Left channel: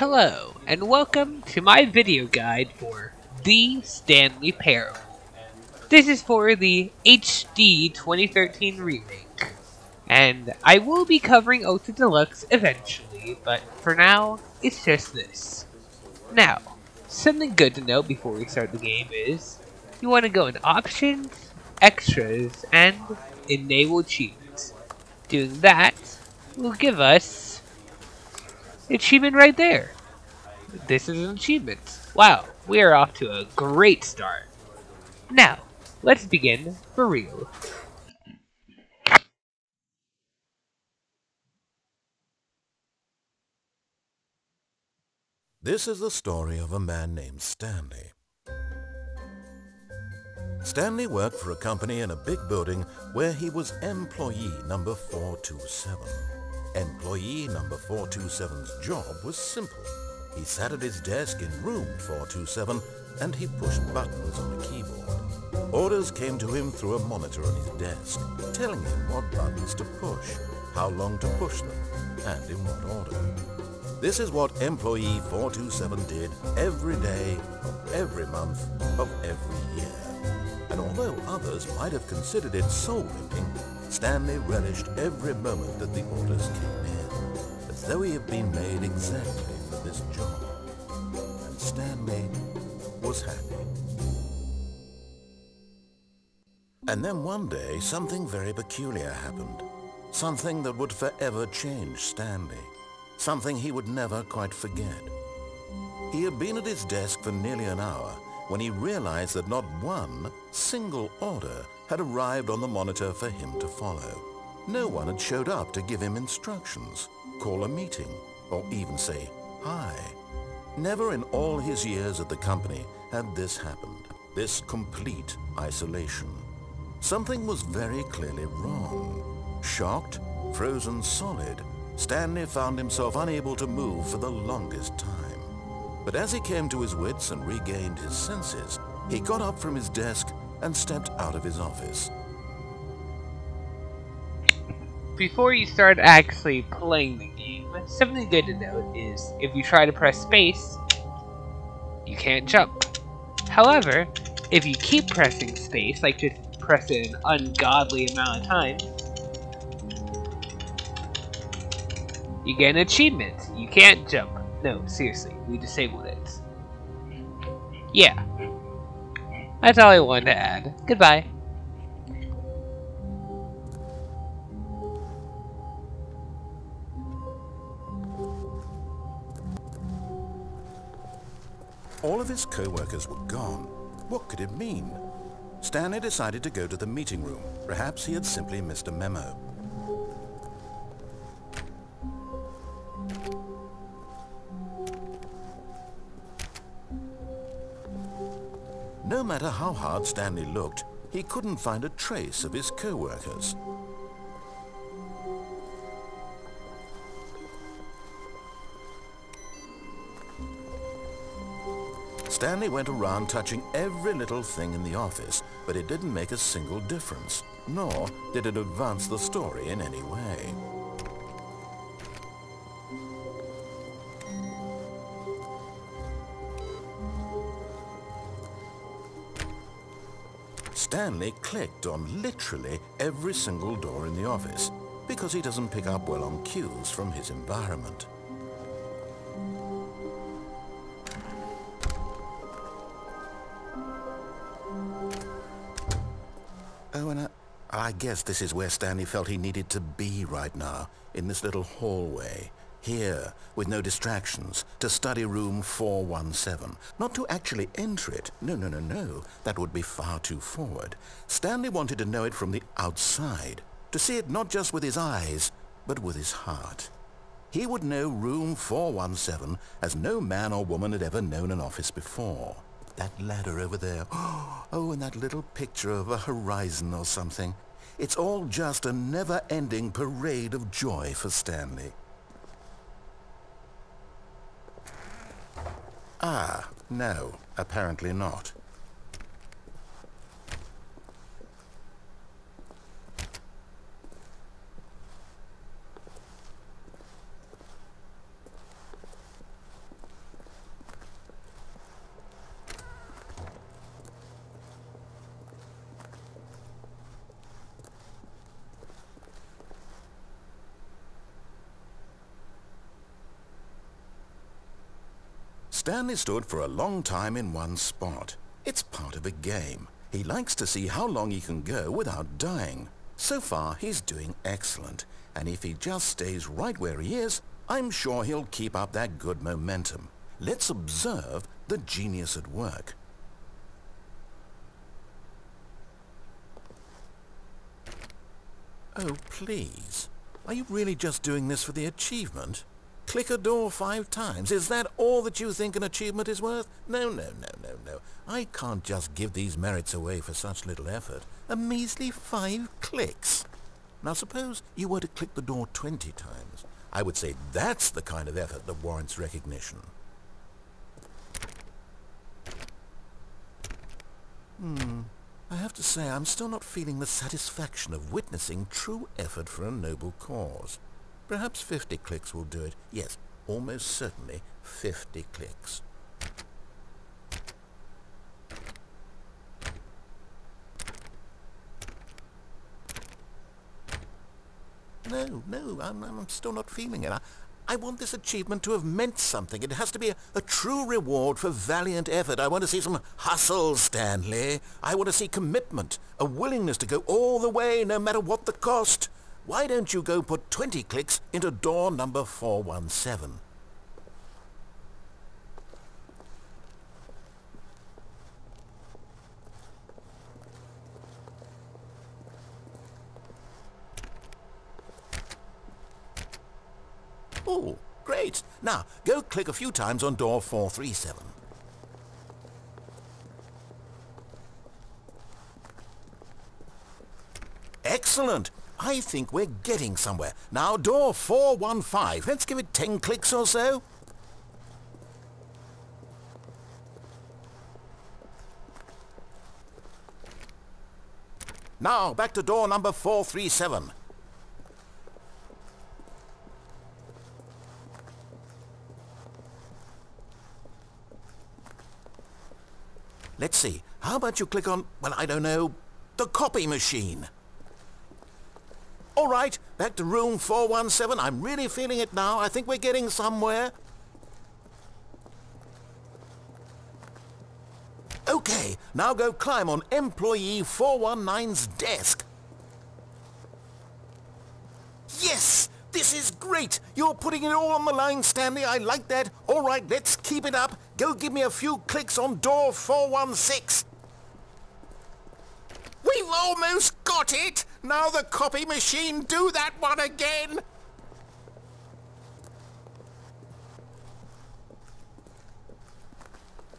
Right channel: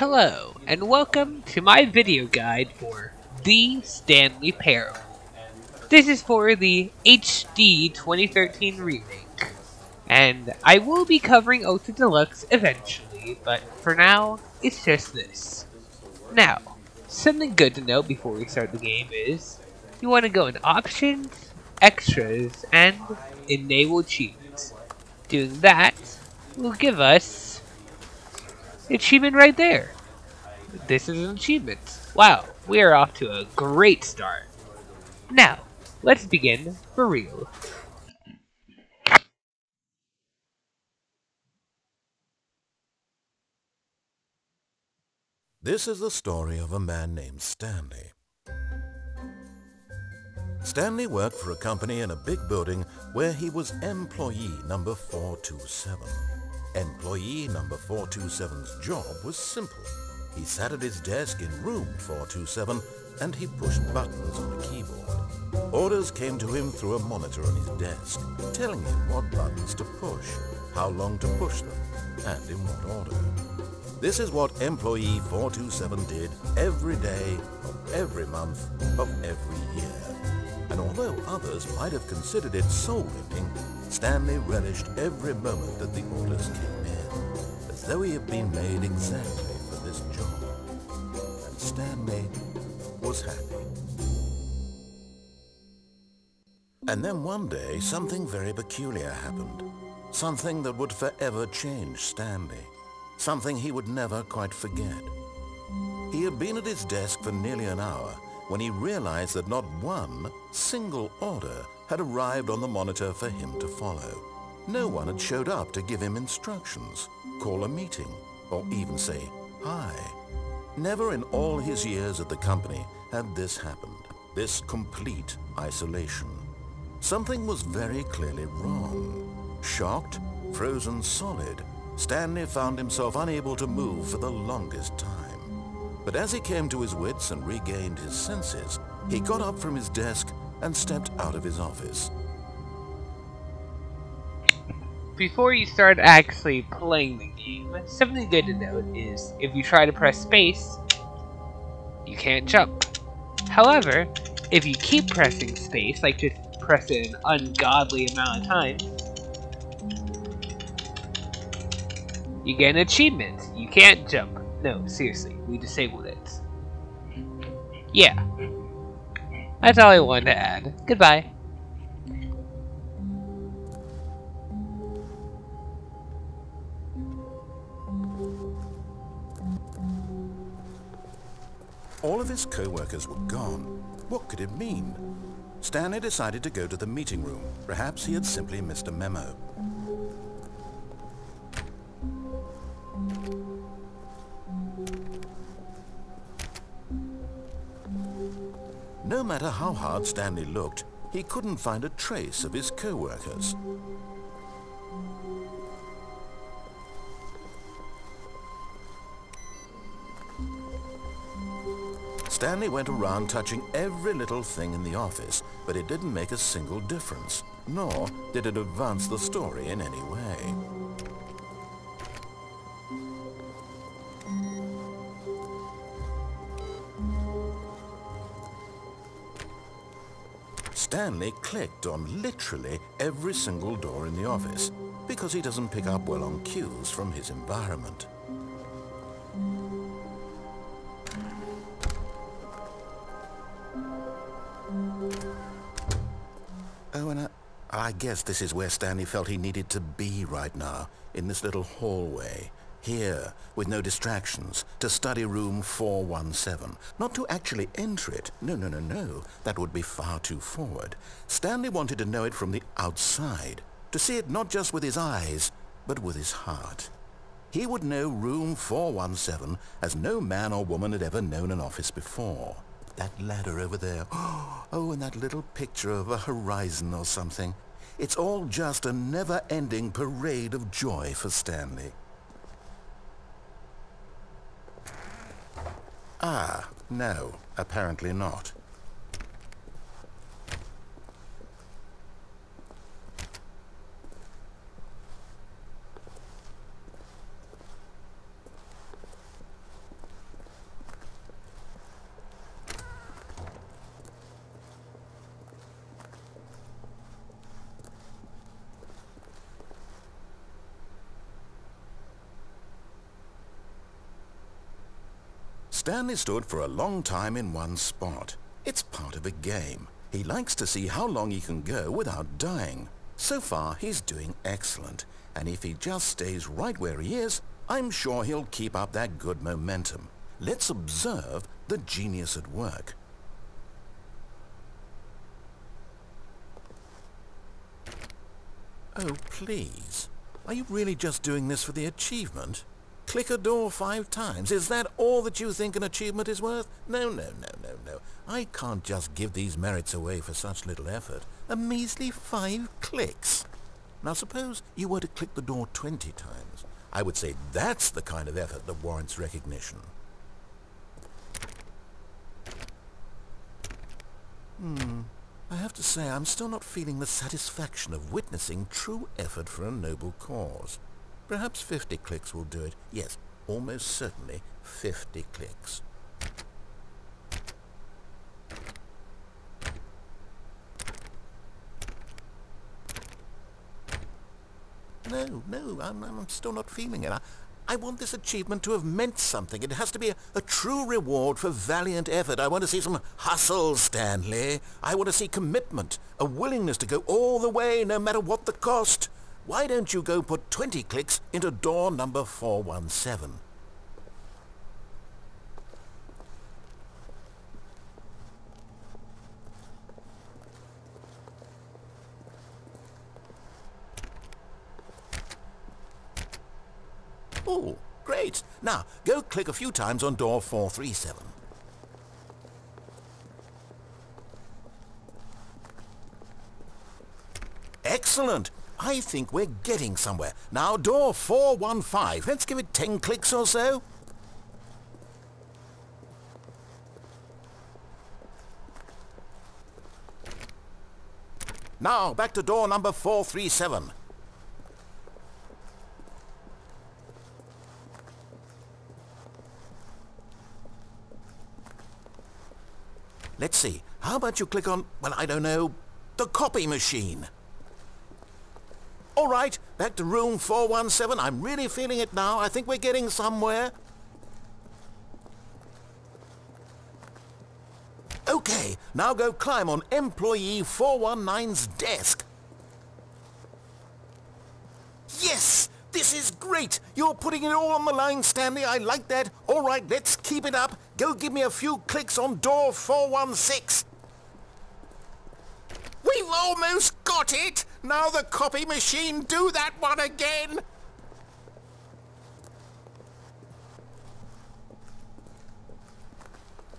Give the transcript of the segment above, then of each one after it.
Hello, and welcome to my video guide for The Stanley Parable. This is for the HD 2013 remake, and I will be covering Ultra Deluxe eventually, but for now, it's just this. Now, something good to know before we start the game is, you want to go in Options, Extras, and Enable Achievements. Doing that will give us achievement right there. This is an achievement. Wow, we are off to a great start. Now, let's begin for real. This is the story of a man named Stanley. Stanley worked for a company in a big building where he was employee number 427. Employee number 427's job was simple. He sat at his desk in room 427 and he pushed buttons on a keyboard. Orders came to him through a monitor on his desk, telling him what buttons to push, how long to push them, and in what order. This is what employee 427 did every day of every month of every year. And although others might have considered it soul-rending, Stanley relished every moment that the orders came in, as though he had been made exactly for this job. And Stanley was happy. And then one day, something very peculiar happened. Something that would forever change Stanley. Something he would never quite forget. He had been at his desk for nearly an hour when he realized that not one single order had arrived on the monitor for him to follow. No one had showed up to give him instructions, call a meeting, or even say hi. Never in all his years at the company had this happened, this complete isolation. Something was very clearly wrong. Shocked, frozen solid, Stanley found himself unable to move for the longest time. But as he came to his wits and regained his senses, he got up from his desk and stepped out of his office. Before you start actually playing the game, something good to note is if you try to press space, you can't jump. However, if you keep pressing space, like just press it an ungodly amount of times, you get an achievement. You can't jump. No, seriously, we disabled it. Yeah. That's all I wanted to add. Goodbye. All of his co-workers were gone. What could it mean? Stanley decided to go to the meeting room. Perhaps he had simply missed a memo. No matter how hard Stanley looked, he couldn't find a trace of his co-workers. Stanley went around touching every little thing in the office, but it didn't make a single difference, nor did it advance the story in any way. Stanley clicked on literally every single door in the office because he doesn't pick up well on cues from his environment. Oh, and I guess this is where Stanley felt he needed to be right now, in this little hallway. Here, with no distractions, to study room 417. Not to actually enter it. No. That would be far too forward. Stanley wanted to know it from the outside. To see it not just with his eyes, but with his heart. He would know room 417 as no man or woman had ever known an office before. That ladder over there. Oh, and that little picture of a horizon or something. It's all just a never-ending parade of joy for Stanley. Ah, no, apparently not. Stanley stood for a long time in one spot. It's part of a game. He likes to see how long he can go without dying. So far, he's doing excellent. And if he just stays right where he is, I'm sure he'll keep up that good momentum. Let's observe the genius at work. Oh, please. Are you really just doing this for the achievement? Click a door 5 times. Is that all that you think an achievement is worth? No, no, no, no, no. I can't just give these merits away for such little effort. A measly 5 clicks. Now suppose you were to click the door 20 times. I would say that's the kind of effort that warrants recognition. I have to say I'm still not feeling the satisfaction of witnessing true effort for a noble cause. Perhaps 50 clicks will do it. Yes, almost certainly 50 clicks. No, I'm still not feeling it. I want this achievement to have meant something. It has to be a true reward for valiant effort. I want to see some hustle, Stanley. I want to see commitment, a willingness to go all the way, no matter what the cost. Why don't you go put 20 clicks into door number 417? Oh, great. Now, go click a few times on door 437. Excellent. I think we're getting somewhere. Now, door 415. Let's give it 10 clicks or so. Now, back to door number 437. Let's see. How about you click on, well, I don't know, the copy machine? All right, back to room 417. I'm really feeling it now. I think we're getting somewhere. Okay, now go climb on employee 419's desk. Yes! This is great! You're putting it all on the line, Stanley. I like that. All right, let's keep it up. Go give me a few clicks on door 416. We've almost got it! Now the copy machine, do that one again!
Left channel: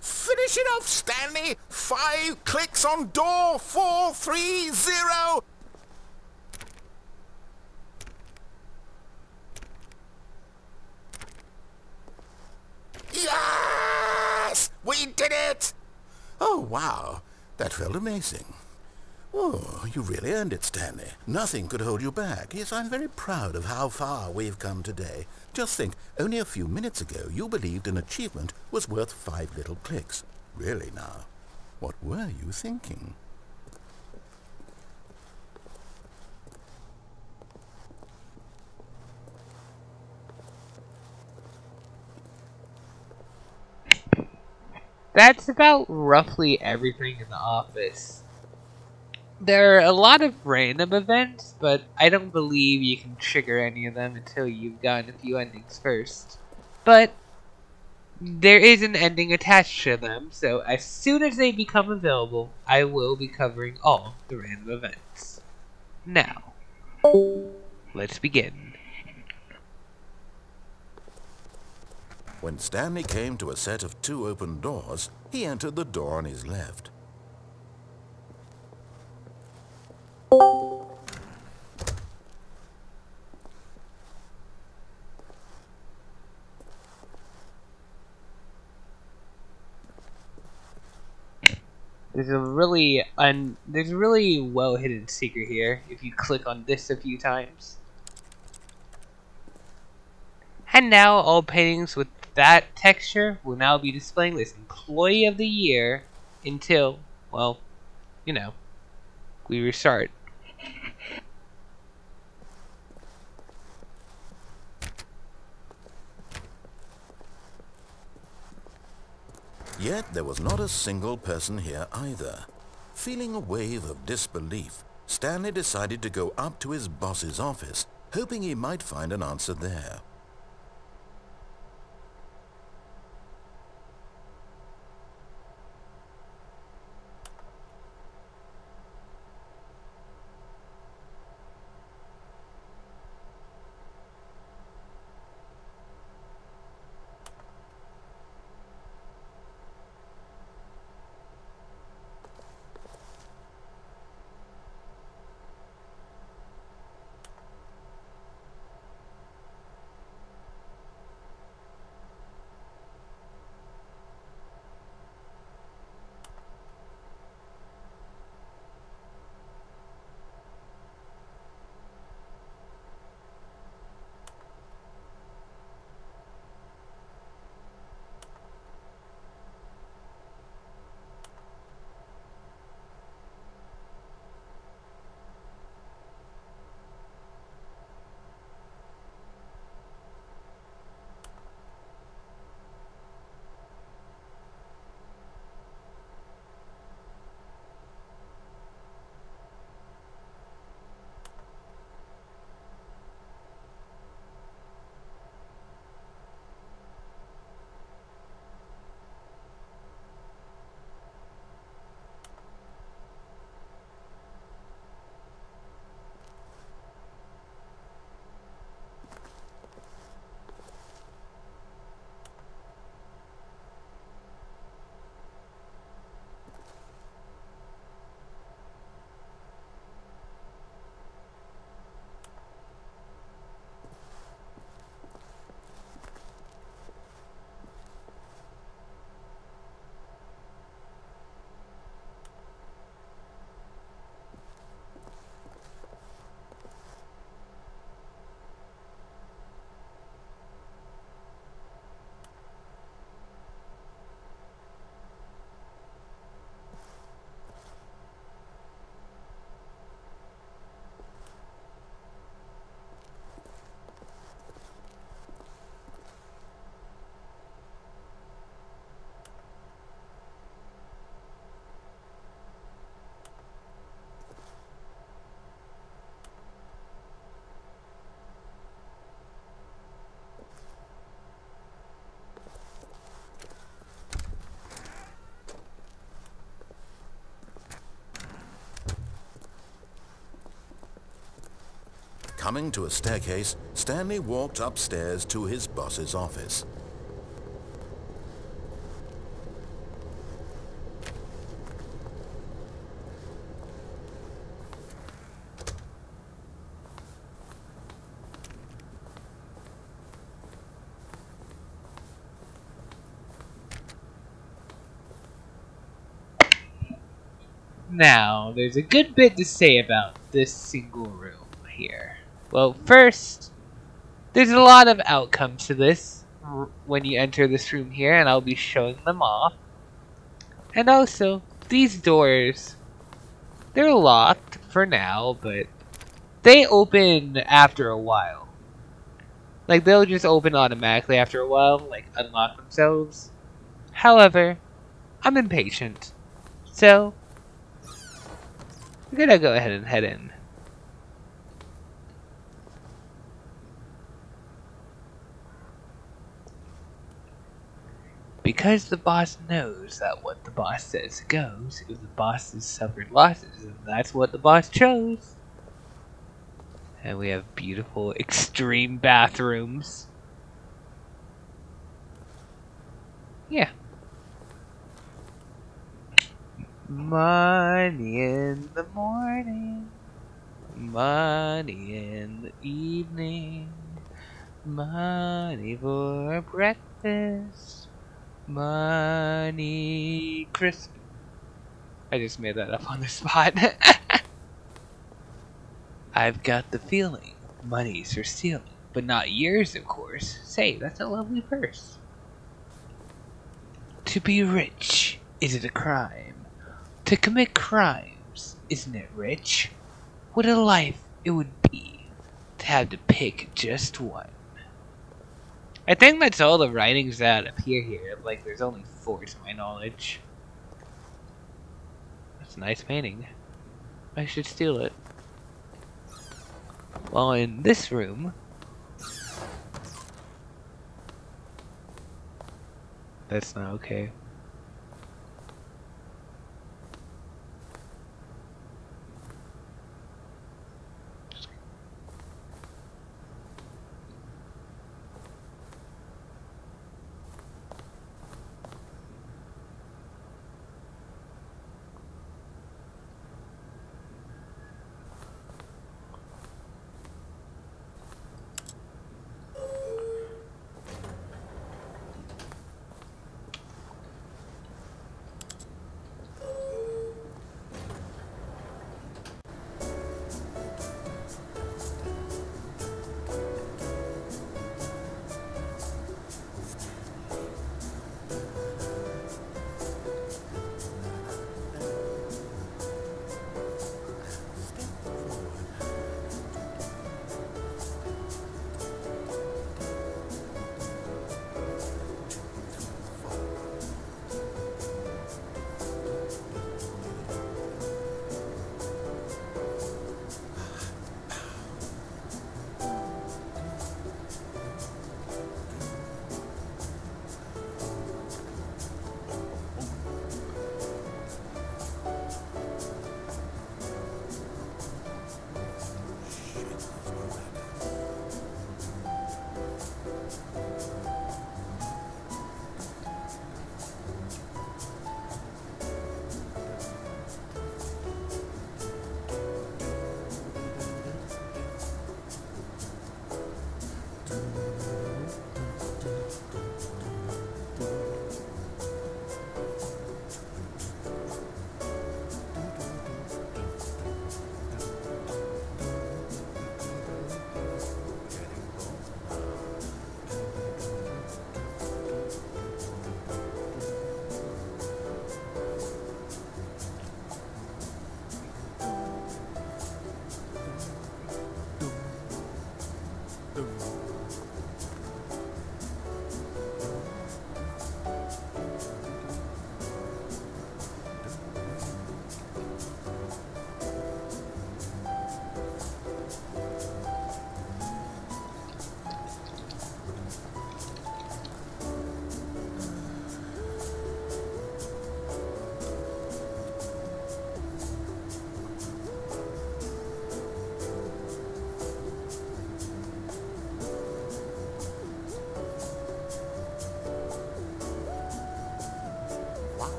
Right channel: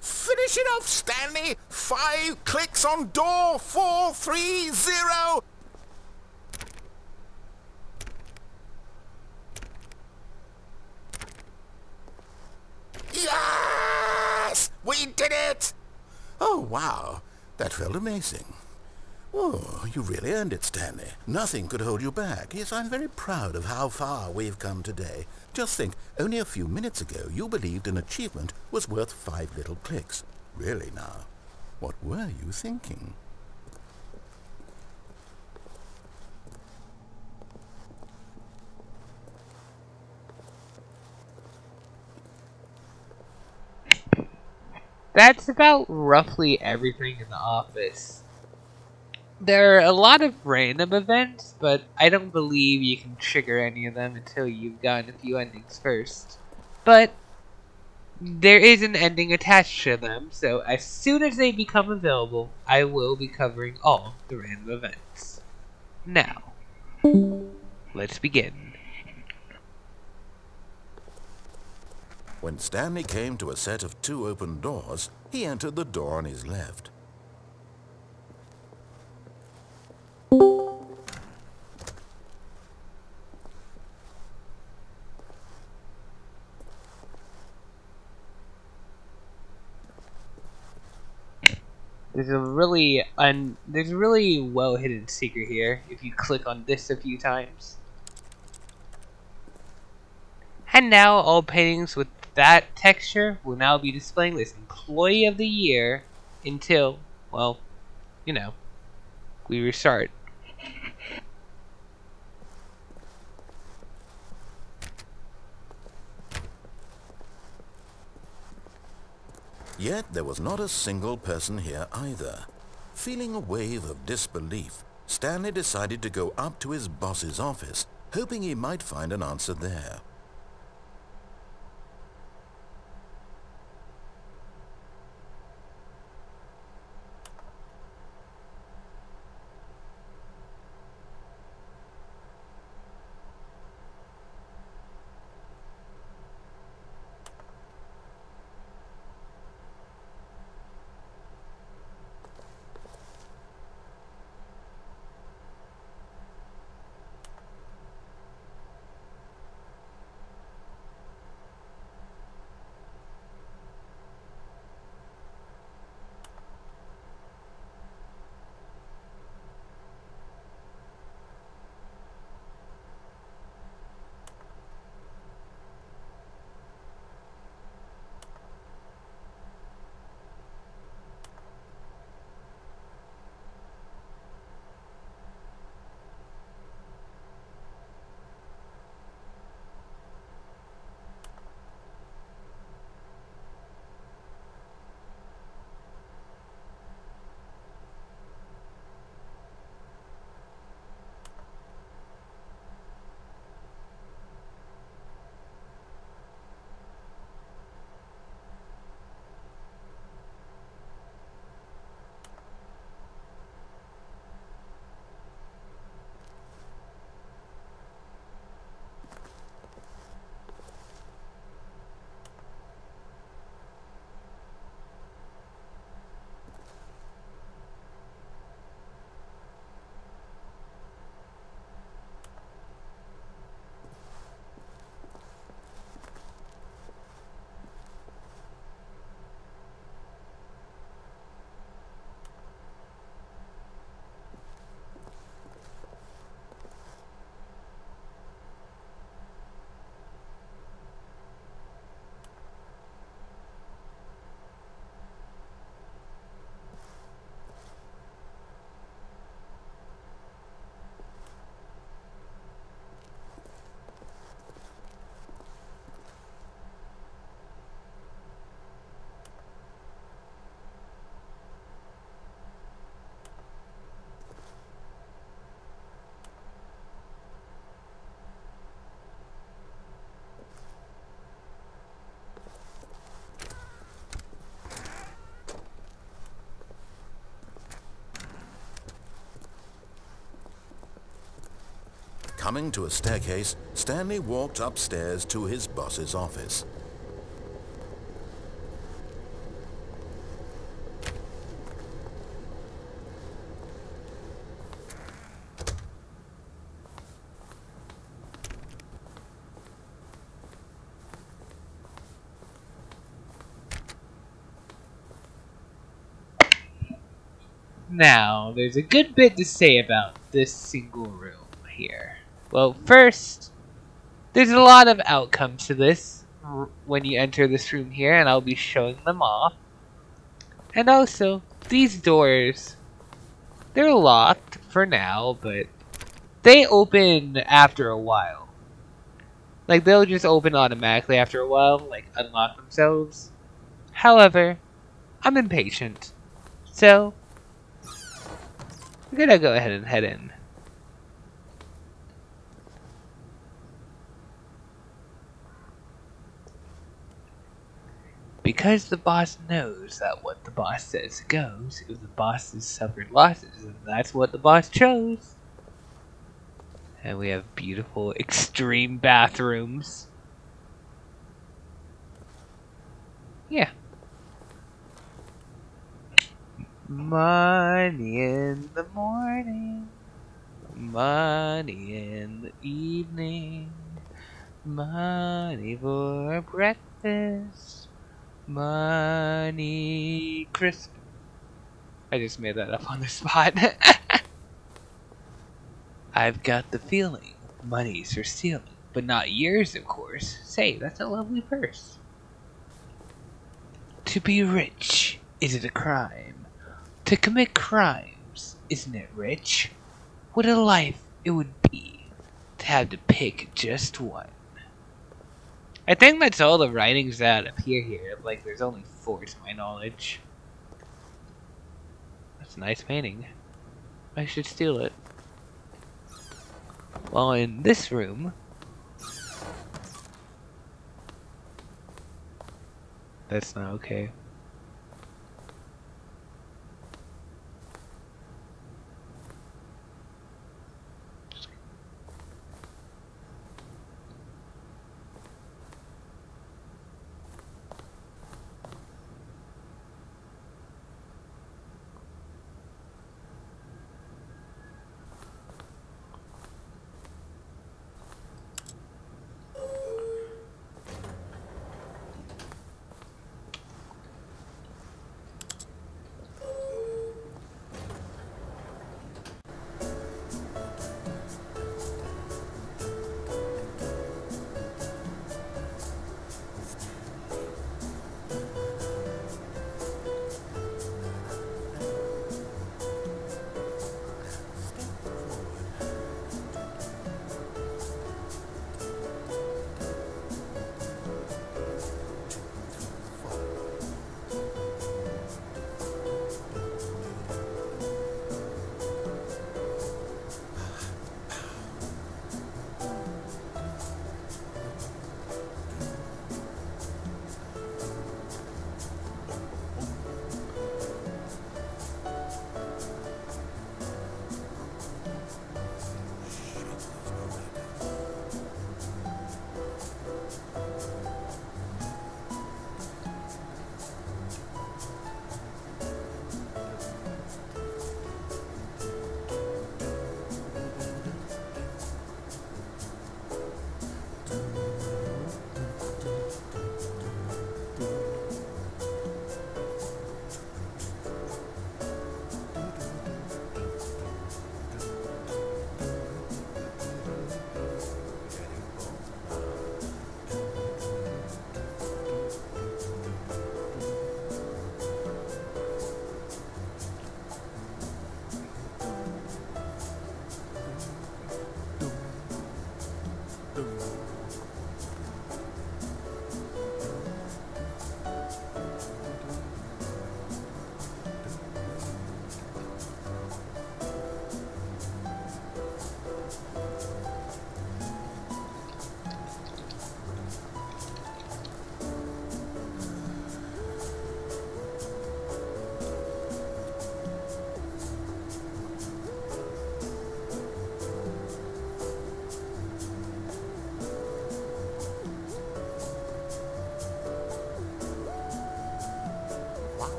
Finish it off, Stanley! 5 clicks on door 430! Yes! We did it! Oh, wow. That felt amazing. Oh, you really earned it, Stanley. Nothing could hold you back. Yes, I'm very proud of how far we've come today. Just think, only a few minutes ago you believed an achievement was worth 5 little clicks. Really now, what were you thinking? That's about roughly everything in the office. There are a lot of random events, but I don't believe you can trigger any of them until you've gotten a few endings first. But there is an ending attached to them, so as soon as they become available, I will be covering all the random events. Now, let's begin. When Stanley came to a set of 2 open doors, he entered the door on his left. There's a really well hidden secret here if you click on this a few times. And now all paintings with that texture will now be displaying this Employee of the Year until, well, you know, we restart. Yet there was not a single person here either. Feeling a wave of disbelief, Stanley decided to go up to his boss's office, hoping he might find an answer there. Coming to a staircase, Stanley walked upstairs to his boss's office. Now, there's a good bit to say about this single room here. Well, first, there's a lot of outcomes to this when you enter this room here, and I'll be showing them off. And also, these doors, they're locked for now, but they open after a while. Like, they'll just open automatically after a while, like, unlock themselves. However, I'm impatient, so we're gonna go ahead and head in. Because the boss knows that what the boss says goes, if the boss has suffered losses, and that's what the boss chose. And we have beautiful extreme bathrooms. Yeah. Money in the morning, money in the evening, money for breakfast, money crisp. I just made that up on the spot. I've got the feeling money's for stealing, but not yours, of course. Say, that's a lovely purse. To be rich, is it a crime? To commit crimes, isn't it rich? What a life it would be to have to pick just one. I think that's all the writings that appear here. Like, there's only 4 to my knowledge. That's a nice painting. I should steal it. Well, in this room... That's not okay.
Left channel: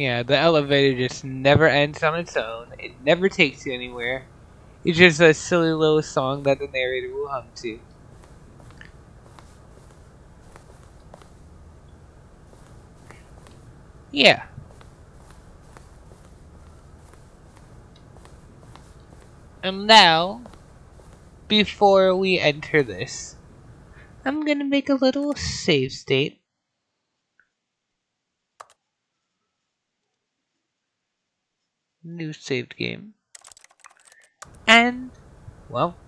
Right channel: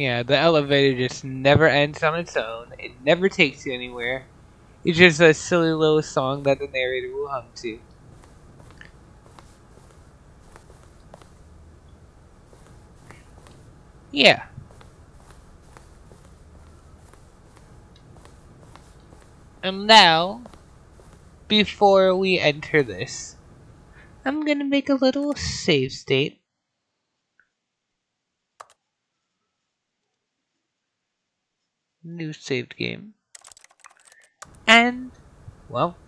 Yeah, the elevator just never ends on its own. It never takes you anywhere. It's just a silly little song that the narrator will hum to. Yeah. And now, before we enter this, I'm gonna make a little save state. New saved game. And, well,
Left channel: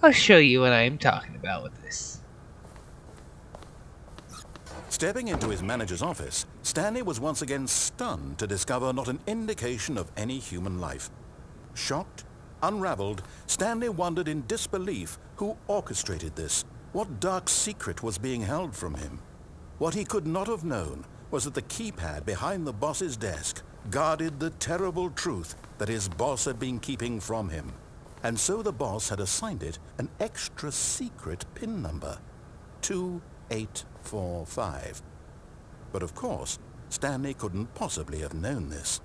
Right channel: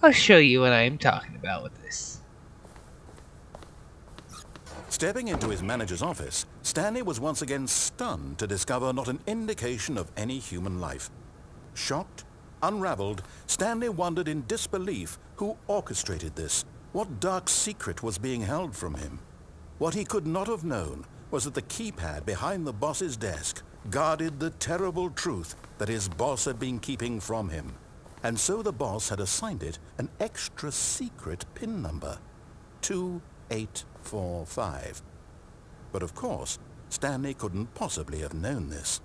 I'll show you what I am talking about with this. Stepping into his manager's office, Stanley was once again stunned to discover not an indication of any human life. Shocked, unraveled, Stanley wondered in disbelief who orchestrated this, what dark secret was being held from him. What he could not have known was that the keypad behind the boss's desk guarded the terrible truth that his boss had been keeping from him. And so the boss had assigned it an extra secret PIN number, 2845. But of course, Stanley couldn't possibly have known this.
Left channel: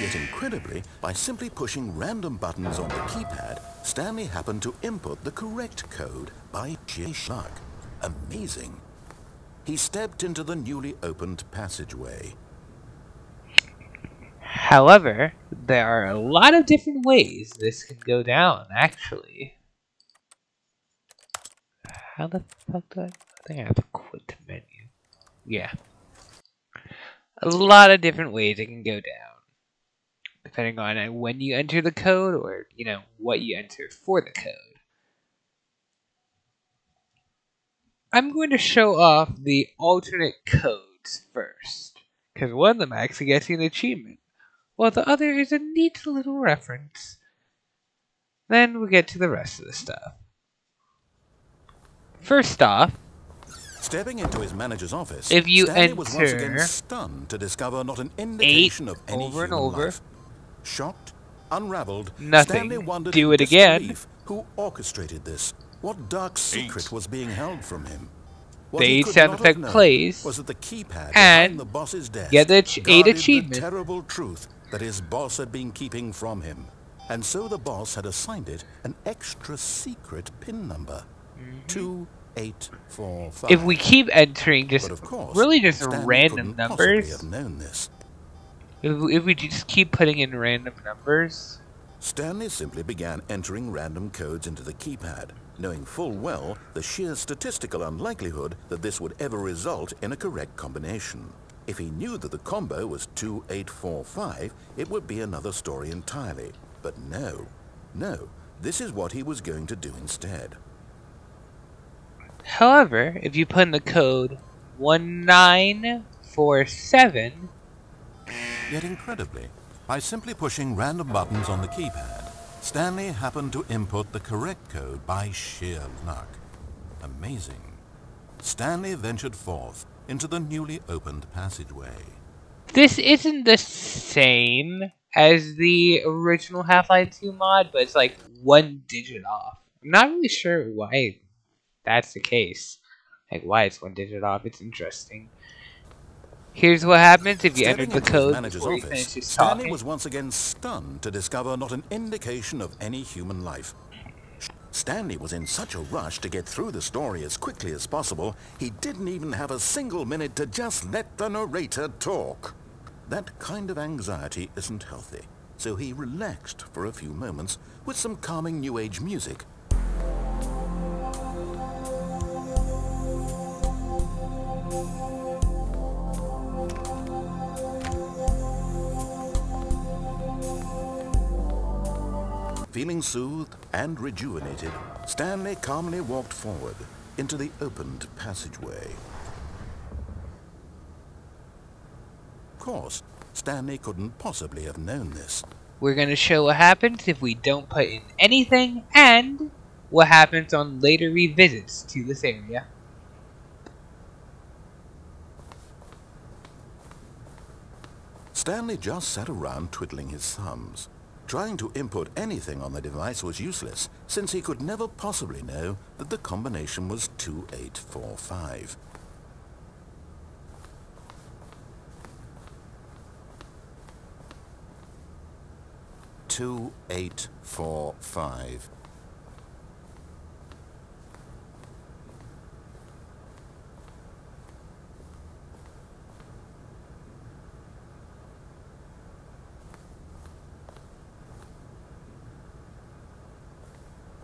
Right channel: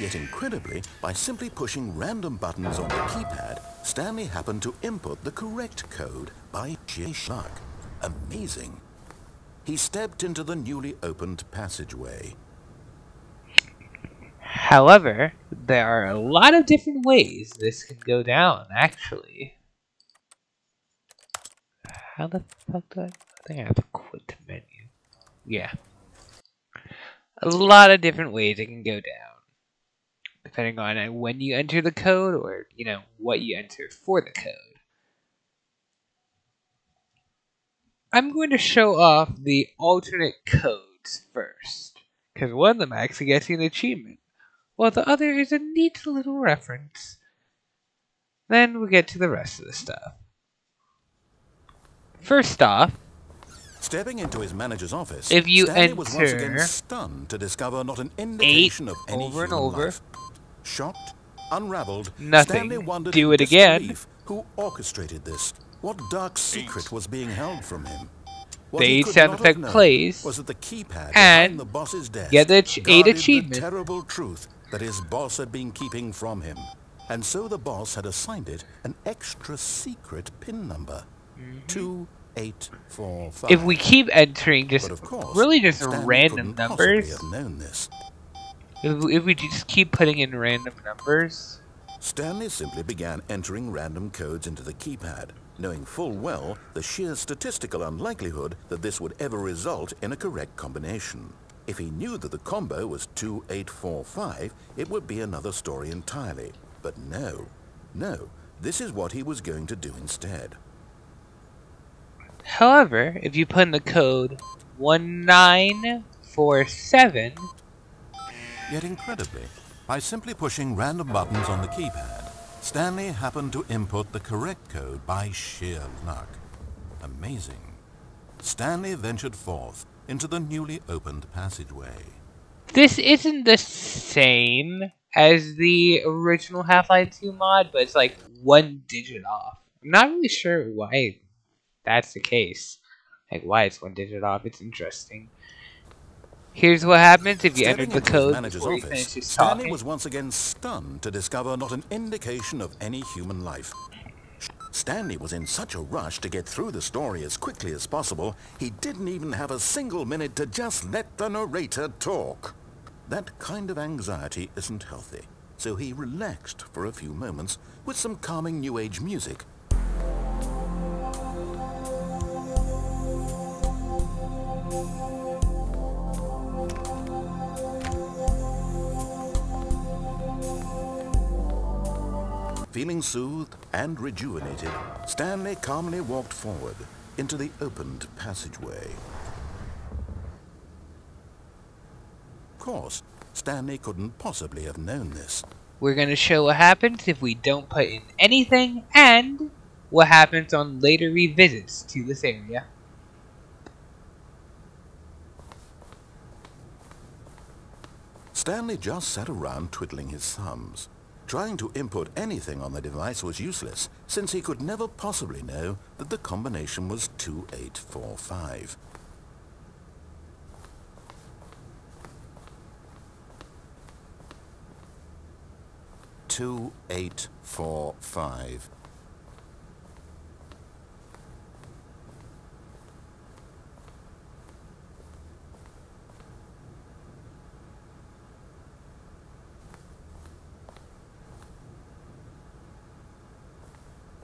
Yet incredibly, by simply pushing random buttons on the keypad, Stanley happened to input the correct code by sheer luck. Amazing. He stepped into the newly opened passageway. However, there are a lot of different ways this can go down, actually. How the fuck do I think I have to quit the menu? Yeah. A lot of different ways it can go down, depending on when you enter the code or, you know, what you enter for the code. I'm going to show off the alternate codes first, because one of them actually gets you an achievement, while the other is a neat little reference. Then we'll get to the rest of the stuff. First off, stepping into his manager's office, if you Stanley was once enter again stunned to discover not an indication of any over and human over, life. Shocked, unraveled, nothing. Stanley wondered Do in it again. disbelief who orchestrated this. What dark secret was being held from him? What The he 8 could sound not effect have known plays, was that the keypad and behind the boss's desk get the 8 guarded achievement. the terrible truth that his boss had been keeping from him. And so the boss had assigned it an extra secret PIN number, 2845. If we keep entering just But of course, really just Stanley random couldn't possibly numbers, have known this. if we just keep putting in random numbers, Stanley simply began entering random codes into the keypad, knowing full well the sheer statistical unlikelihood that this would ever result in a correct combination. If he knew that the combo was 2845, it would be another story entirely. But no, this is what he was going to do instead. however, if you put in the code 1947, Yet incredibly, by simply pushing random buttons on the keypad, Stanley happened to input the correct code by sheer luck. Amazing. Stanley ventured forth into the newly opened passageway. this isn't the same as the original Half-Life 2 mod, but it's like 1 digit off. I'm not really sure why that's the case. Like, why it's 1 digit off. It's interesting. Here's what happens if you enter the code before you finish his Stanley talking. was once again stunned to discover not an indication of any human life. Stanley was in such a rush to get through the story as quickly as possible, he didn't even have a single minute to just let the narrator talk. That kind of anxiety isn't healthy, so he relaxed for a few moments with some calming New Age music. Feeling soothed and rejuvenated, Stanley calmly walked forward into the opened passageway. Of course, Stanley couldn't possibly have known this. We're going to show what happens if we don't put in anything, and what happens on later revisits to this area. Stanley just sat around twiddling his thumbs. Trying to input anything on the device was useless, since he could never possibly know that the combination was 2845. "2845.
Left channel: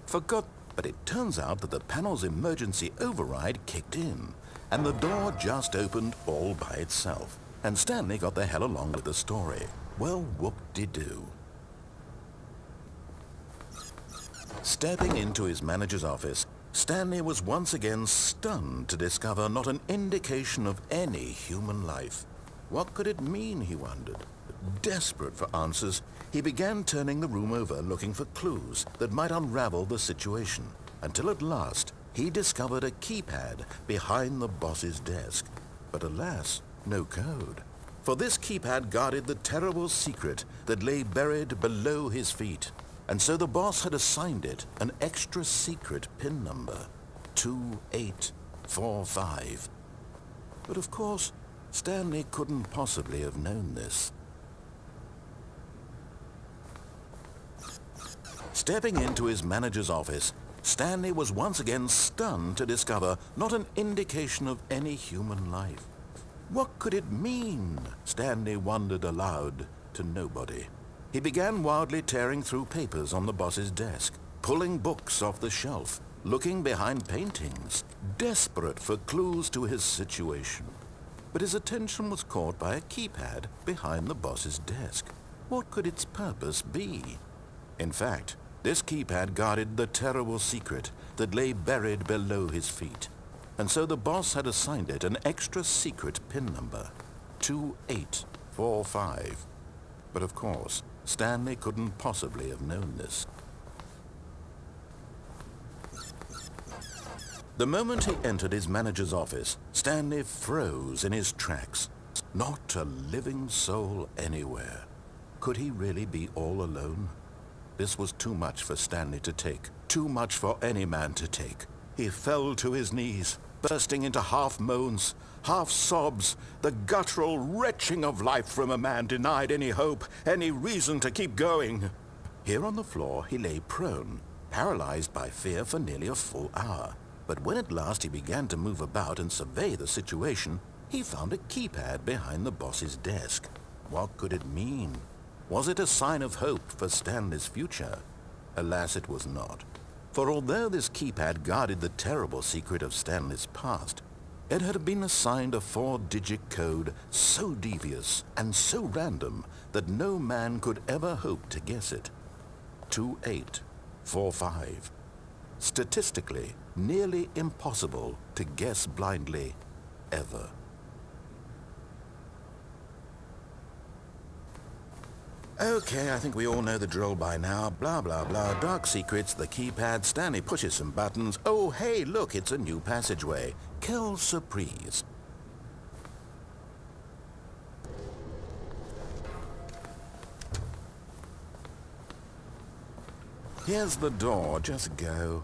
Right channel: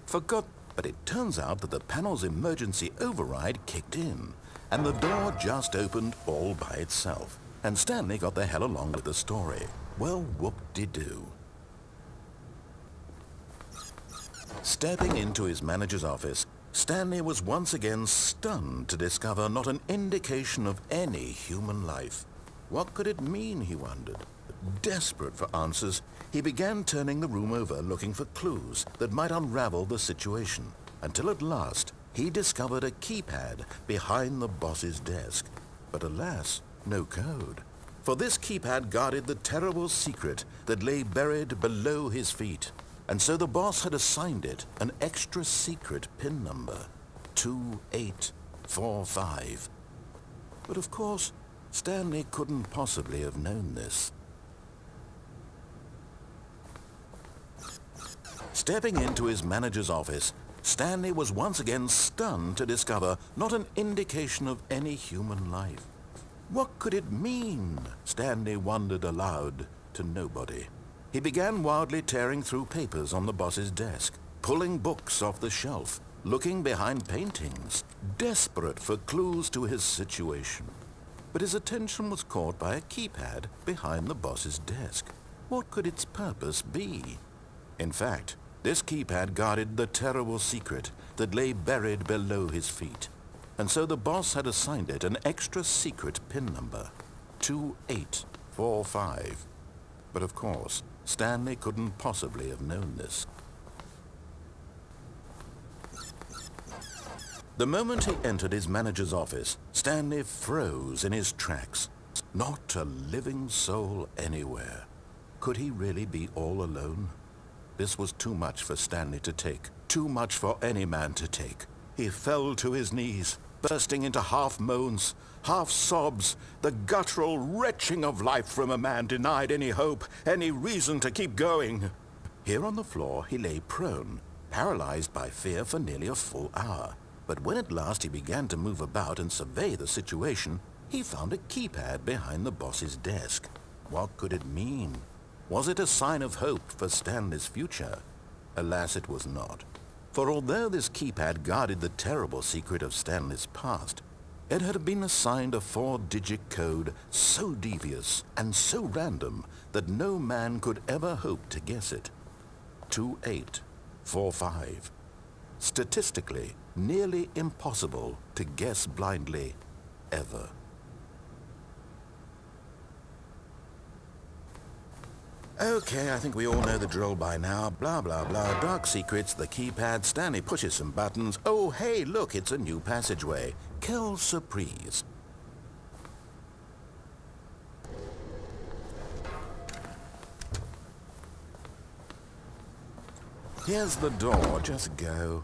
Forgot, but it turns out that the panel's emergency override kicked in, and the door just opened all by itself, and Stanley got the hell along with the story. Well, whoop-de-doo. Stepping into his manager's office, Stanley was once again stunned to discover not an indication of any human life. What could it mean, he wondered. Desperate for answers, he began turning the room over looking for clues that might unravel the situation, until at last he discovered a keypad behind the boss's desk. But alas, no code. For this keypad guarded the terrible secret that lay buried below his feet. And so the boss had assigned it an extra secret PIN number, 2845. But of course, Stanley couldn't possibly have known this. Stepping into his manager's office, Stanley was once again stunned to discover not an indication of any human life. What could it mean? Stanley wondered aloud to nobody. He began wildly tearing through papers on the boss's desk, pulling books off the shelf, looking behind paintings, desperate for clues to his situation. But his attention was caught by a keypad behind the boss's desk. What could its purpose be? In fact, this keypad guarded the terrible secret that lay buried below his feet. And so the boss had assigned it an extra secret PIN number, 2845. But of course, Stanley couldn't possibly have known this. The moment he entered his manager's office, Stanley froze in his tracks. Not a living soul anywhere. Could he really be all alone? This was too much for Stanley to take, too much for any man to take. He fell to his knees, bursting into half moans, half sobs, the guttural retching of life from a man denied any hope, any reason to keep going. Here on the floor he lay prone, paralyzed by fear for nearly a full hour. But when at last he began to move about and survey the situation, he found a keypad behind the boss's desk. What could it mean? Was it a sign of hope for Stanley's future? Alas, it was not. For although this keypad guarded the terrible secret of Stanley's past, it had been assigned a 4-digit code so devious and so random that no man could ever hope to guess it. 2845. Statistically, nearly impossible to guess blindly, ever. Okay, I think we all know the drill by now. Blah, blah, blah. Dark secrets, the keypad. Stanley pushes some buttons. Oh, hey, look, it's a new passageway. Quelle surprise. Here's the door. Just go.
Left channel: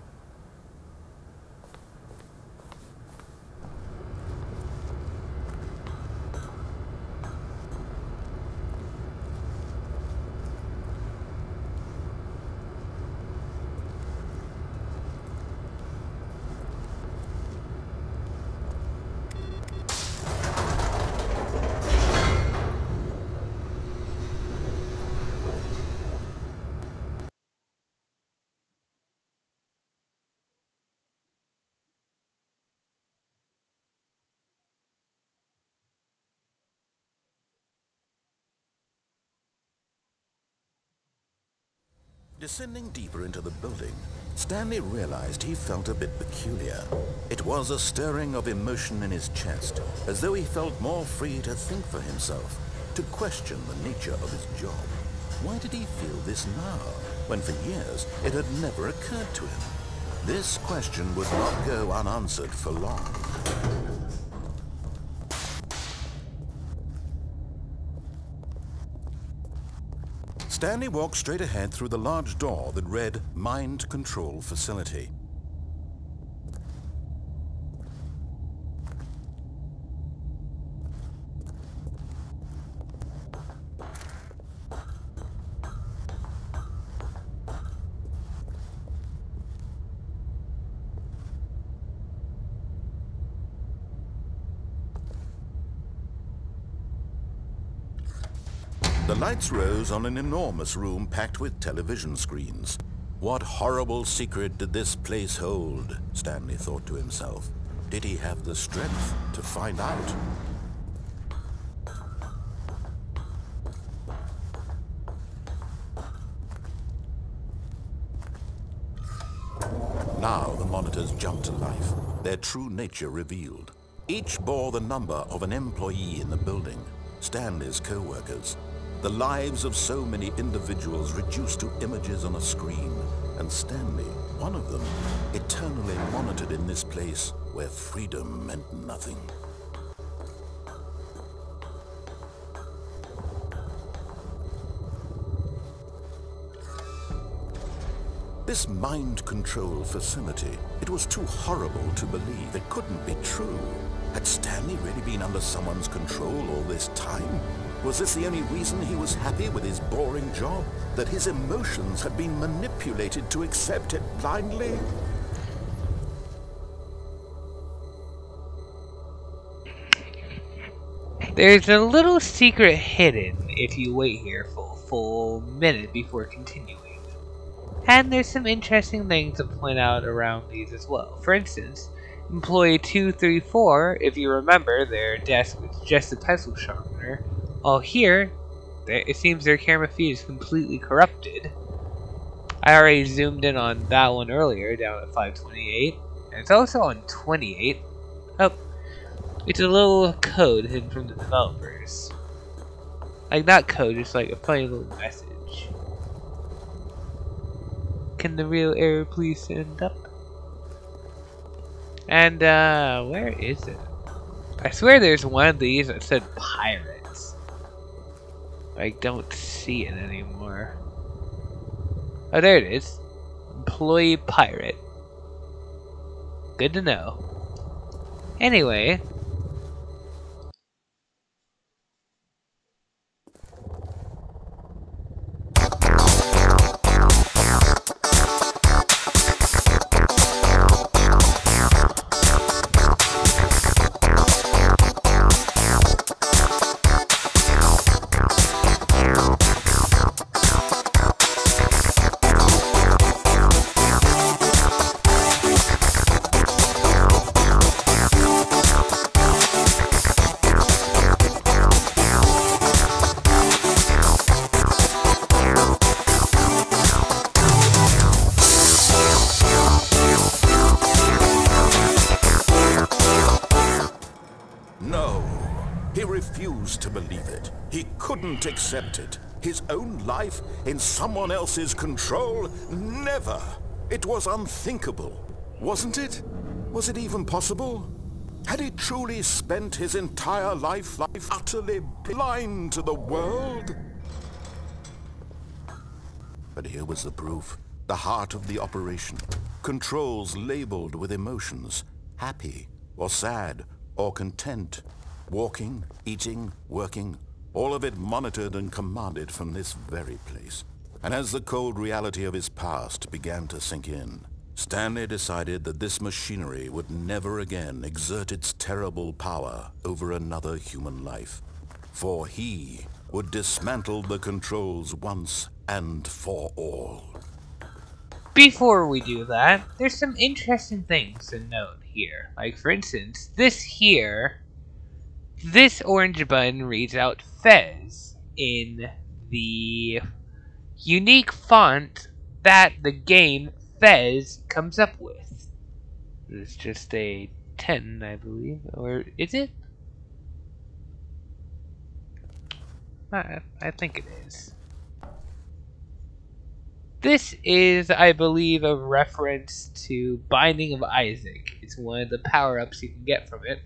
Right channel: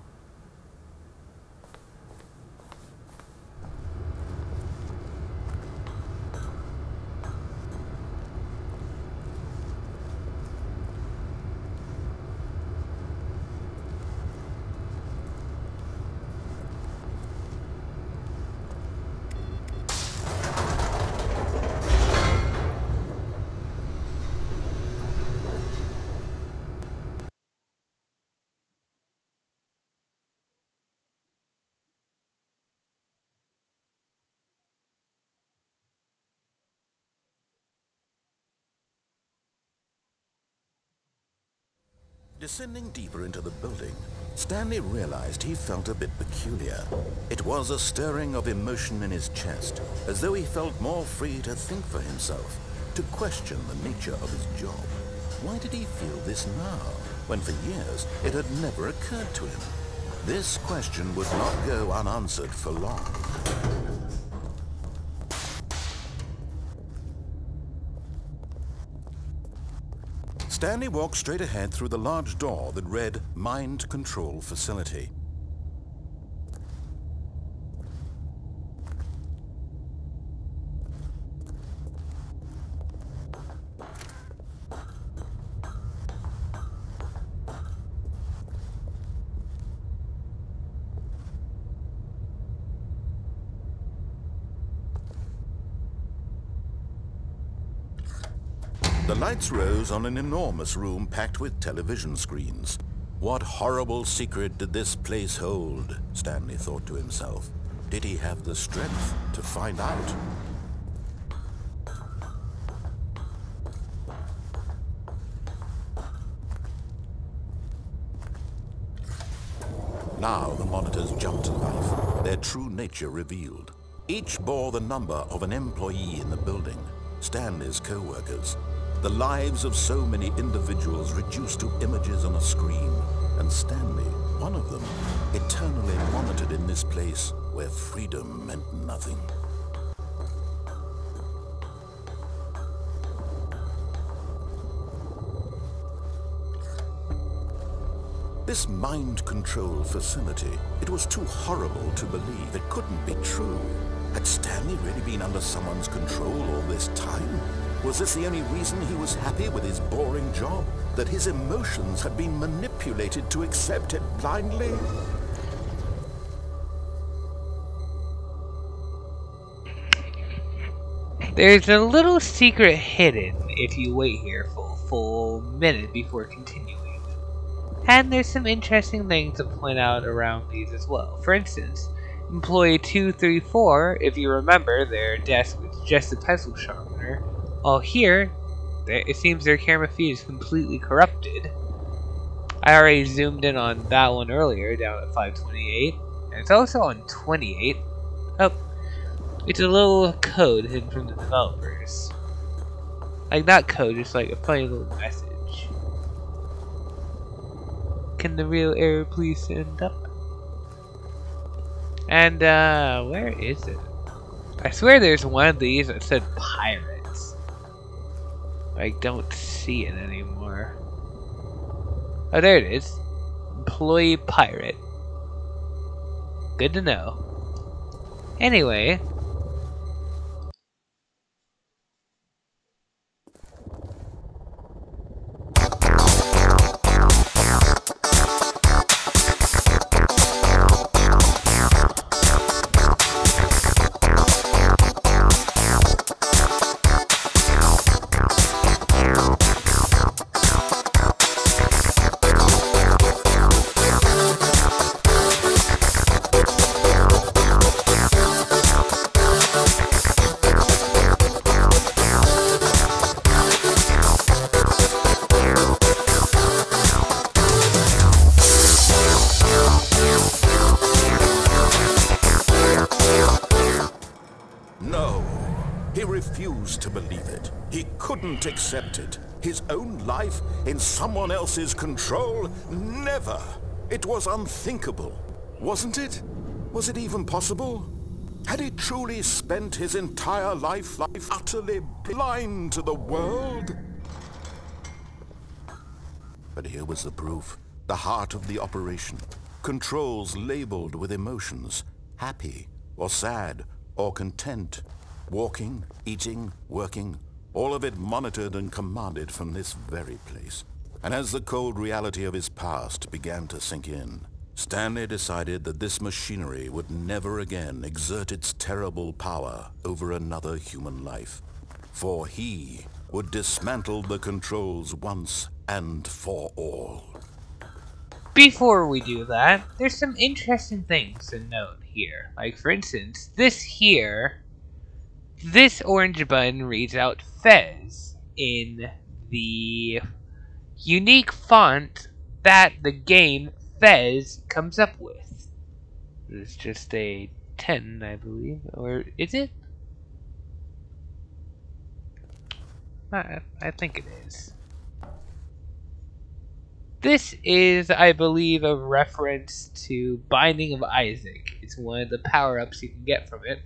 Descending deeper into the building, Stanley realized he felt a bit peculiar. It was a stirring of emotion in his chest, as though he felt more free to think for himself, to question the nature of his job. Why did he feel this now, when for years it had never occurred to him? This question would not go unanswered for long. Stanley walked straight ahead through the large door that read Mind Control Facility. The lights rose on an enormous room packed with television screens. What horrible secret did this place hold? Stanley thought to himself. Did he have the strength to find out? Now the monitors jumped to life, their true nature revealed. Each bore the number of an employee in the building. Stanley's co-workers. The lives of so many individuals reduced to images on a screen, and Stanley, one of them, eternally monitored in this place where freedom meant nothing. This mind control facility, it was too horrible to believe. It couldn't be true. Had Stanley really been under someone's control all this time? Was this the only reason he was happy with his boring job? That his emotions had been manipulated to accept it blindly? There's a little secret hidden if you wait here for a full minute before continuing. And there's some interesting things to point out around these as well. For instance, Employee 234, if you remember, their desk was just a pencil sharpener. While here, it seems their camera feed is completely corrupted. I already zoomed in on that one earlier, down at 528. And it's also on 28. Oh, it's a little code hidden from the developers. Like, not code, just like a funny little message. Can the real error please stand up? And, where is it? I swear there's one of these that said pirates. I don't see it anymore. Oh, there it is. Employee pirate. Good to know. Anyway. He refused to believe it. He couldn't accept it. His own life in someone else's control? Never! It was unthinkable. Wasn't it? Was it even possible? Had he truly spent his entire life utterly blind to the world? But here was the proof. The heart of the operation. Controls labeled with emotions. Happy, or sad, or content. Walking, eating, working, all of it monitored and commanded from this very place. And as the cold reality of his past began to sink in, Stanley decided that this machinery would never again exert its terrible power over another human life. For he would dismantle the controls once and for all. Before we do that, there's some interesting things to note here. Like, for instance, this orange button reads out Fez in the unique font that the game Fez comes up with. It's just a 10, I believe. Or is it? I think it is. This is, I believe, a reference to Binding of Isaac. It's one of the power-ups you can get from it.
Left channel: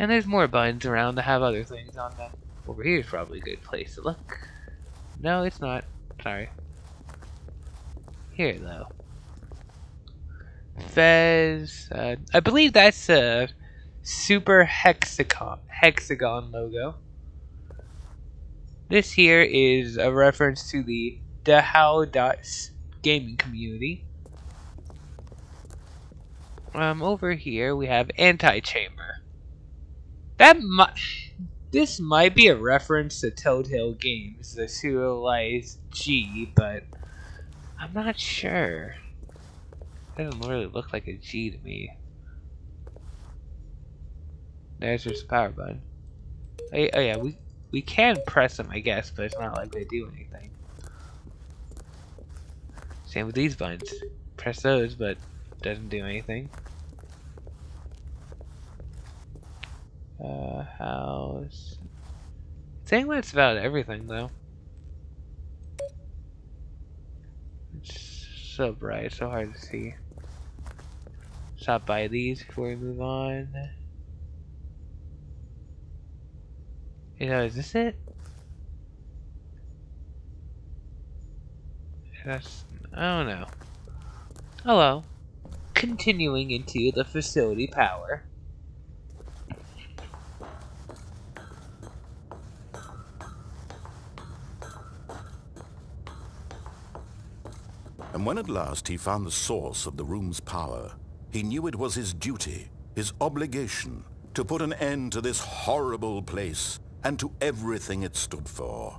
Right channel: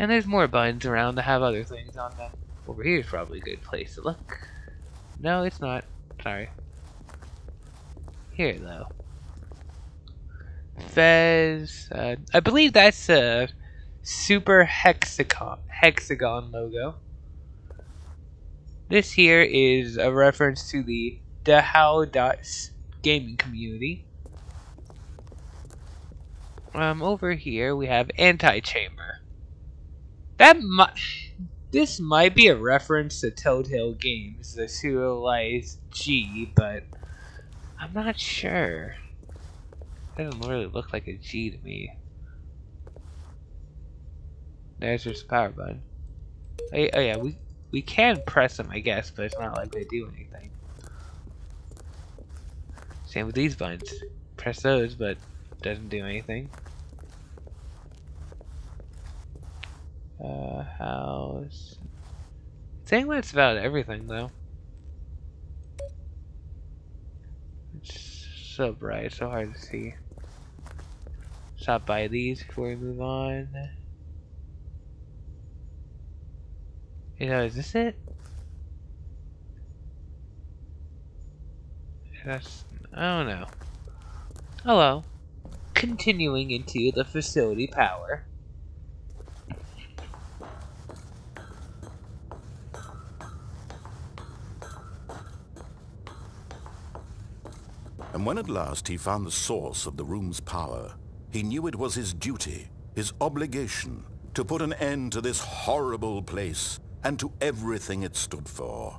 And there's more buttons around that have other things on them. Over here is probably a good place to look. No, it's not. Sorry. Here, though. Fez. I believe that's a super hexagon logo. This here is a reference to the Dahao gaming community. Over here we have Anti-Chamber. This might be a reference to Telltale Games, the serialized G, but I'm not sure. It doesn't really look like a G to me. There's just a power button. Oh yeah, we can press them, I guess, but it's not like they do anything. Same with these buttons. Press those, but it doesn't do anything. House. think that's about everything, though. It's so bright, so hard to see. Stop by these before we move on. Is this it? I don't know. Hello. Continuing into the facility power. And when at last he found the source of the room's power, he knew it was his duty, his obligation, to put an end to this horrible place and to everything it stood for.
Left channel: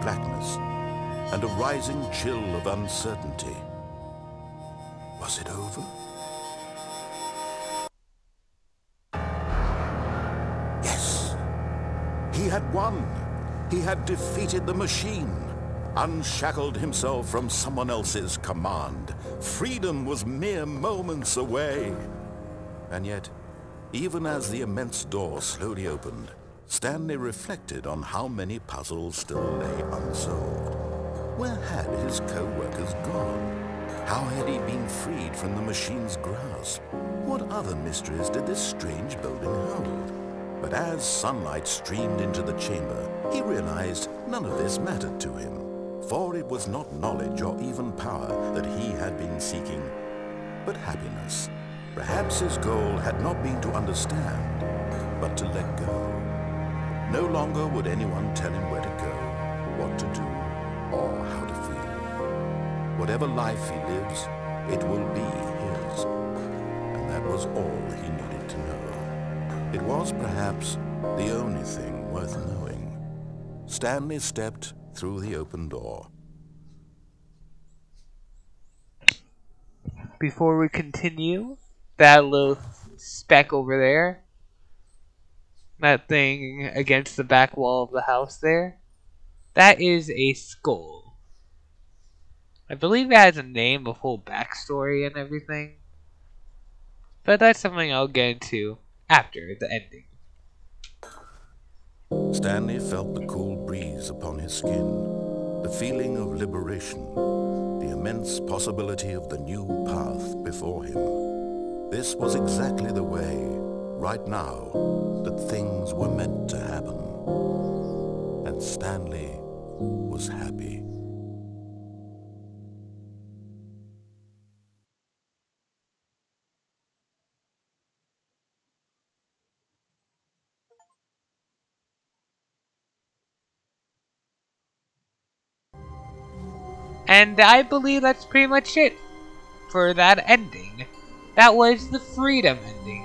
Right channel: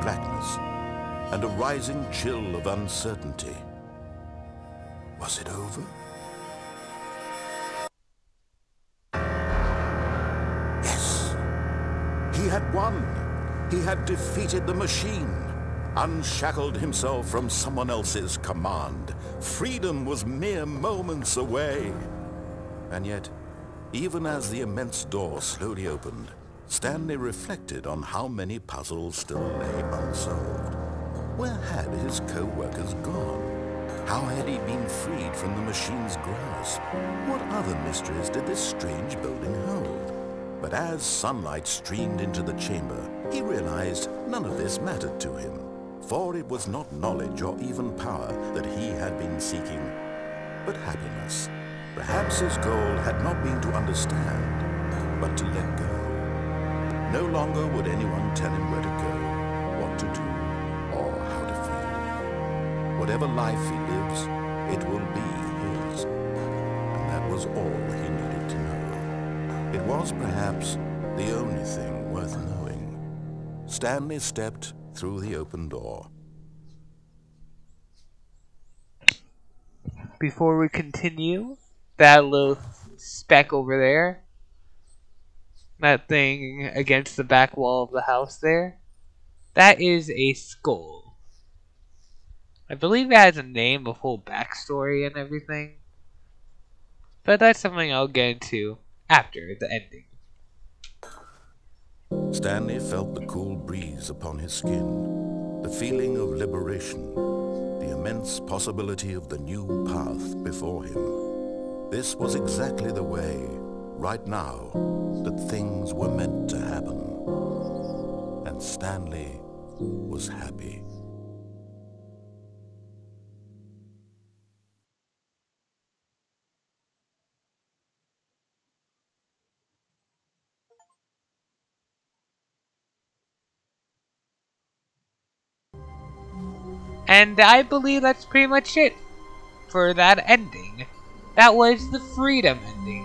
Blackness and a rising chill of uncertainty. Was it over? Yes. He had won. He had defeated the machine, unshackled himself from someone else's command. Freedom was mere moments away. And yet, even as the immense door slowly opened, Stanley reflected on how many puzzles still lay unsolved. Where had his co-workers gone? How had he been freed from the machine's grasp? What other mysteries did this strange building hold? But as sunlight streamed into the chamber, he realized none of this mattered to him. For it was not knowledge or even power that he had been seeking, but happiness. Perhaps his goal had not been to understand, but to let go. No longer would anyone tell him where to go, what to do, or how to feel. Whatever life he lives, it will be his. And that was all he needed to know. It was perhaps the only thing worth knowing. Stanley stepped through the open door. Before we continue, that little speck over there, that thing against the back wall of the house there, that is a skull. I believe it has a name, a whole backstory and everything. But that's something I'll get into after the ending. Stanley felt the cool breeze upon his skin, the feeling of liberation, the immense possibility of the new path before him. This was exactly the way, right now, that things were meant to happen. And Stanley was happy. And I believe that's pretty much it for that ending. That was the freedom ending.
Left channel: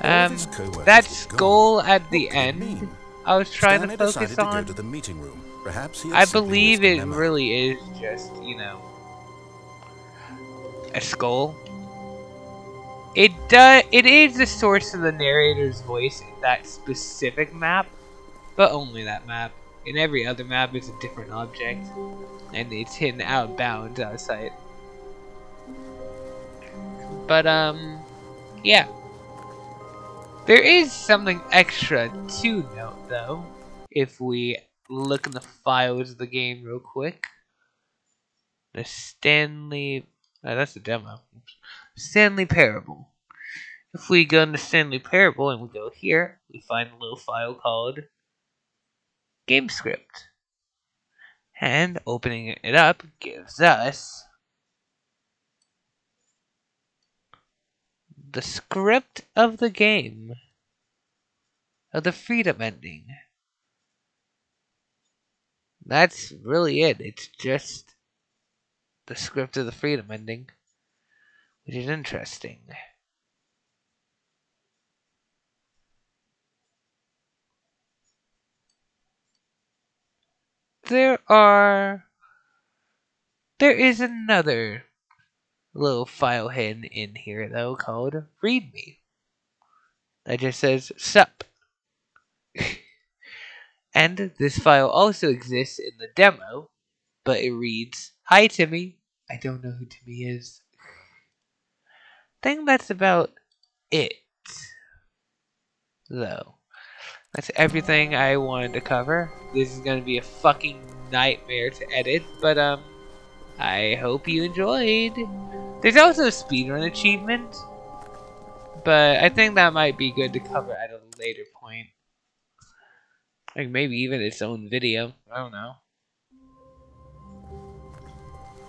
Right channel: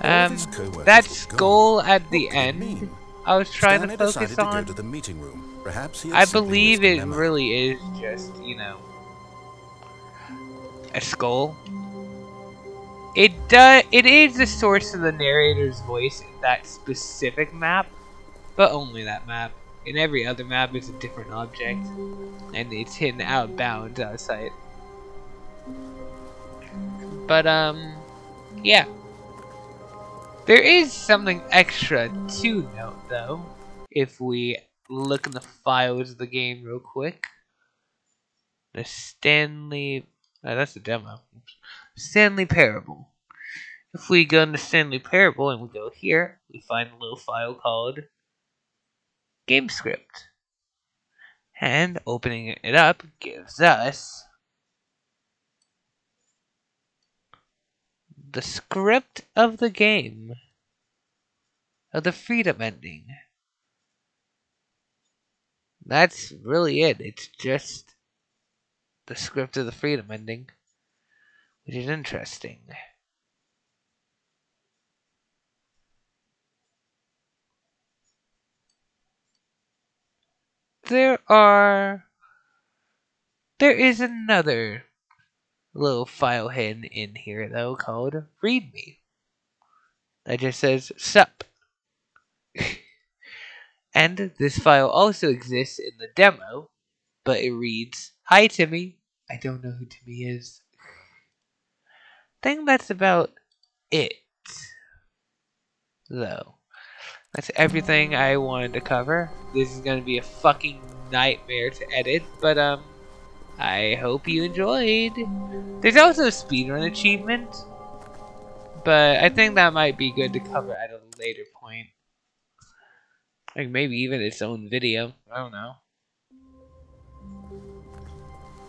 That skull at the end, I was trying to focus on. To the meeting room. Perhaps he I believe it really is just, a skull. It is the source of the narrator's voice in that specific map, but only that map. In every other map, it's a different object, and it's hidden out of bounds out of sight. But yeah. There is something extra to note, though, if we look in the files of the game real quick. The Stanley... that's the demo. Stanley Parable. If we go into Stanley Parable and we go here, we find a little file called Game Script. And opening it up gives us the script of the game. Of the freedom ending. That's really it. It's just the script of the freedom ending. which is interesting. There is another little file hidden in here though called README. That just says sup. And this file also exists in the demo, but it reads, "Hi Timmy." I don't know who Timmy is. I think that's about it, though. That's everything I wanted to cover. This is gonna be a fucking nightmare to edit, but I hope you enjoyed. There's also a speedrun achievement, but I think that might be good to cover at a later point. Like maybe even its own video. I don't know.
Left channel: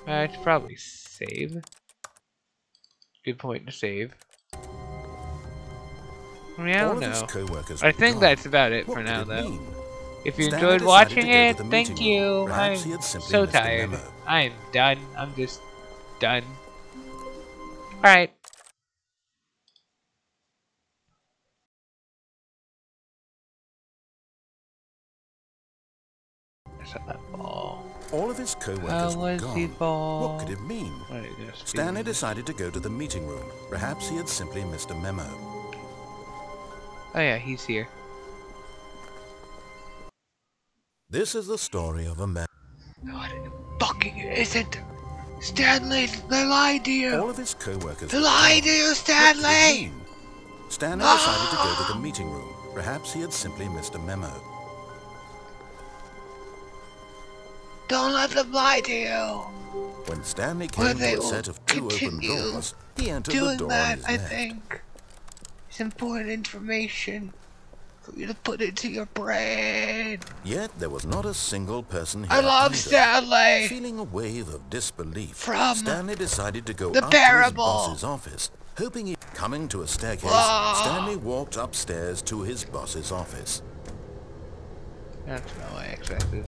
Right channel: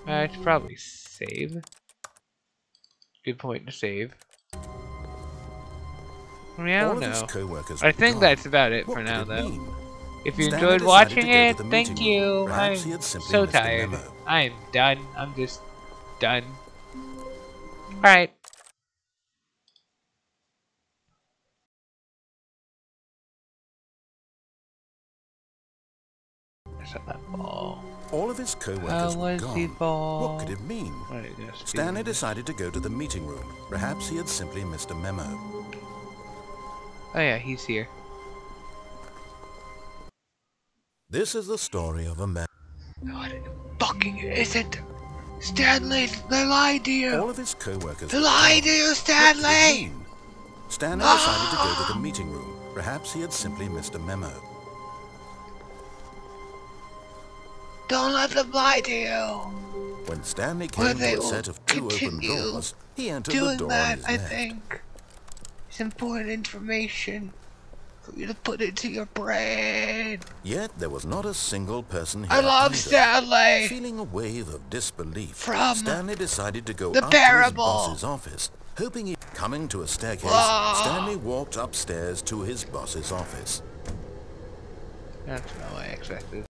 I should probably save. Good point to save. I mean, I don't know. I think that's about it for now, though. If you enjoyed watching it, thank you. I'm so tired. I'm done. I'm just done. Alright. Where's that ball? All of his co-workers were gone. Ball? What could it mean? Stanley decided to go to the meeting room. Perhaps he had simply missed a memo. Oh yeah, he's here. This is the story of a man. No, it fucking isn't. Stanley, they lied to you. All of his co-workers they lied to you, Stanley. Stanley decided to go to the meeting room. Perhaps he had simply missed a memo. Don't let them lie to you. When Stanley came to a set of 2 open doors, he entered the door on his left. I think it's important information for you to put into your brain. Yet there was not a single person here. I love Stanley. Feeling a wave of disbelief, from Stanley decided to go the up parable. to his boss's office, hoping he... Coming to a staircase, Stanley walked upstairs to his boss's office. That's not what I expected.